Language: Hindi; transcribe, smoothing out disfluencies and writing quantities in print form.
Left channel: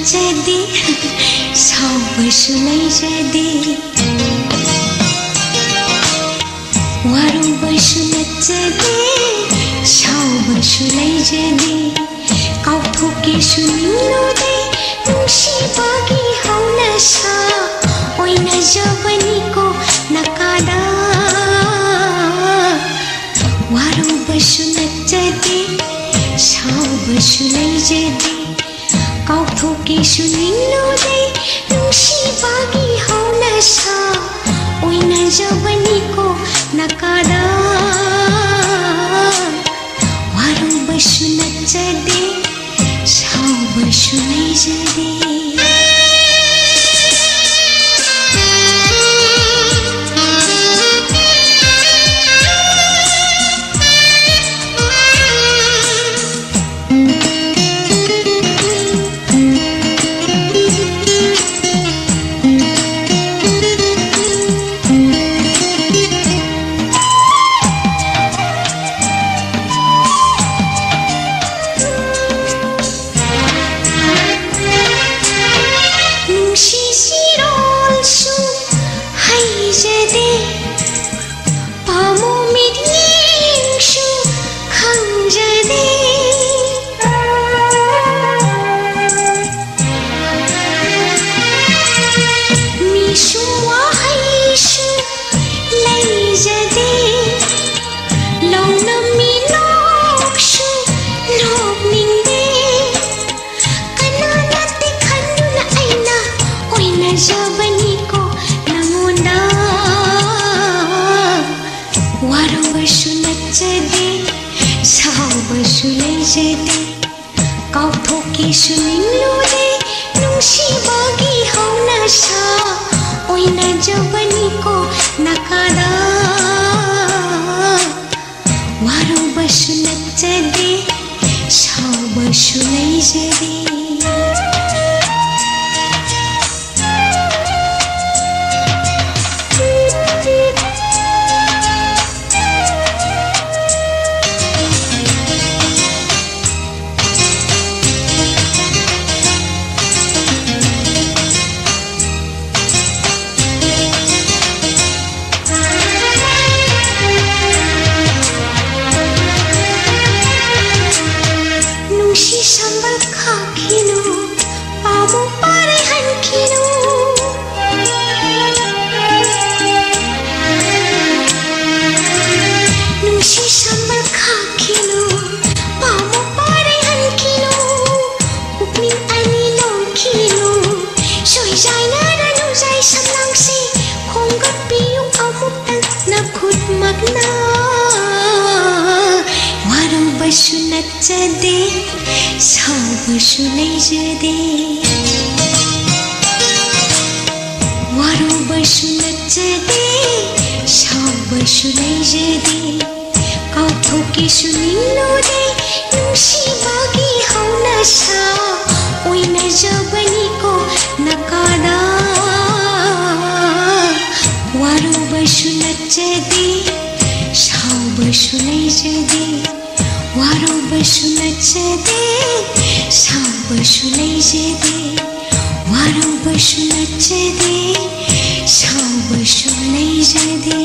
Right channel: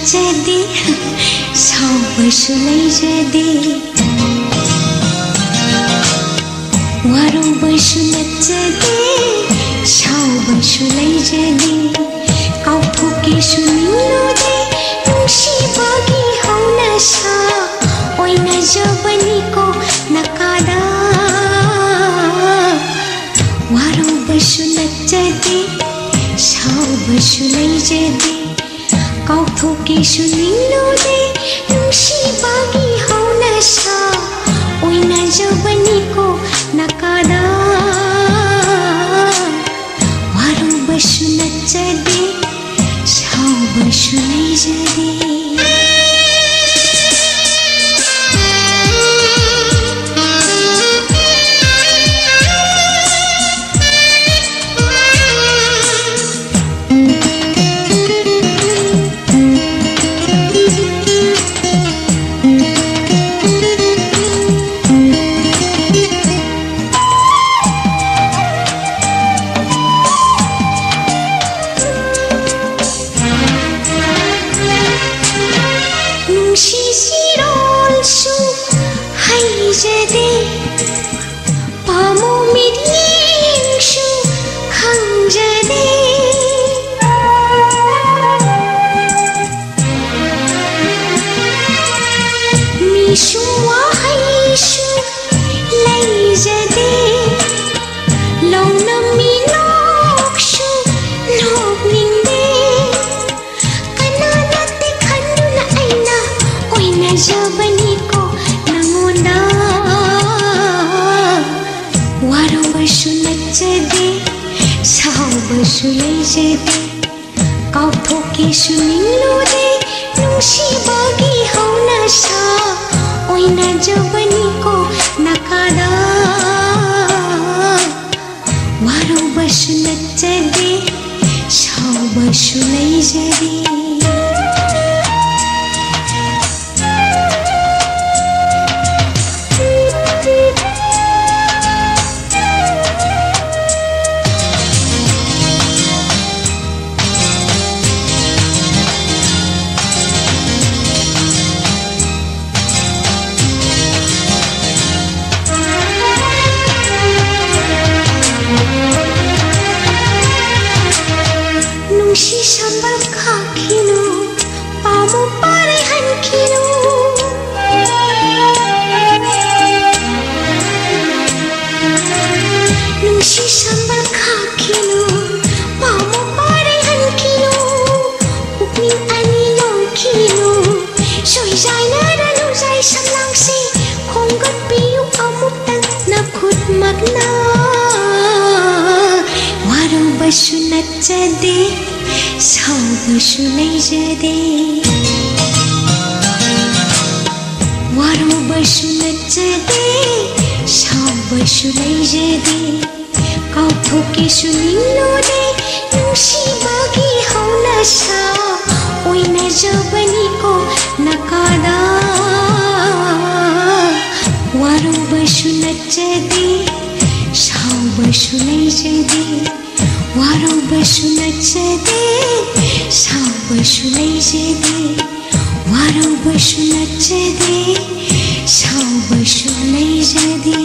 नच्चदे सावबसु लैजदे वारौबसु नच्चदे सावबसु लैजदे कावथोकेसु निलोदे नुंसिबागि हौनसा ओइनाजबनिको नकादा वारौबसु नच्चदे सावबसु लैजदे कावथोकेसु निलोदे नुंसिबागि हौनसा ओइनाजबनिको नकादा वारौबसु नच्चदे सावबसु लैजदे पामो मिलिंसु खंजदे मिसु वाहैसु लैजदे लौना मिलोक्सु लोबनिंदे कनानाते खंदुना आइना ओइना जबनिको नंगोंदा वारौबसु नच्चदे सावबसु लैजदे कावथोकेसु निलोदे नुंसिबागि हौनसा ओइनाजबनिको नकादा वारौबसु नच्चदे सावबसु लैजदे नुंसि संबल खाखिनु पामो पारे हनखिनु नुंसि संबल खाखिनु पामो पारे हनखिनु उकनि अनि लंखिनु सोइजाइना नुजाइ समलांसि खोंगत पियु अमुक्तन नखुत मगना वारौबसु नच्चदे सावबसु लैजदे वारौबसु नच्चदे सावबसु लैजदे कावथोकेसु निलोदे नुंसिबागि हौनसा ओइनाजबनिको नकादा वारौबसु नच्चदे सावबसु लैजदे वारौबसु नच्चदे सावबसु लैजदे वारौबसु नच्चदे सावबसु लैजदे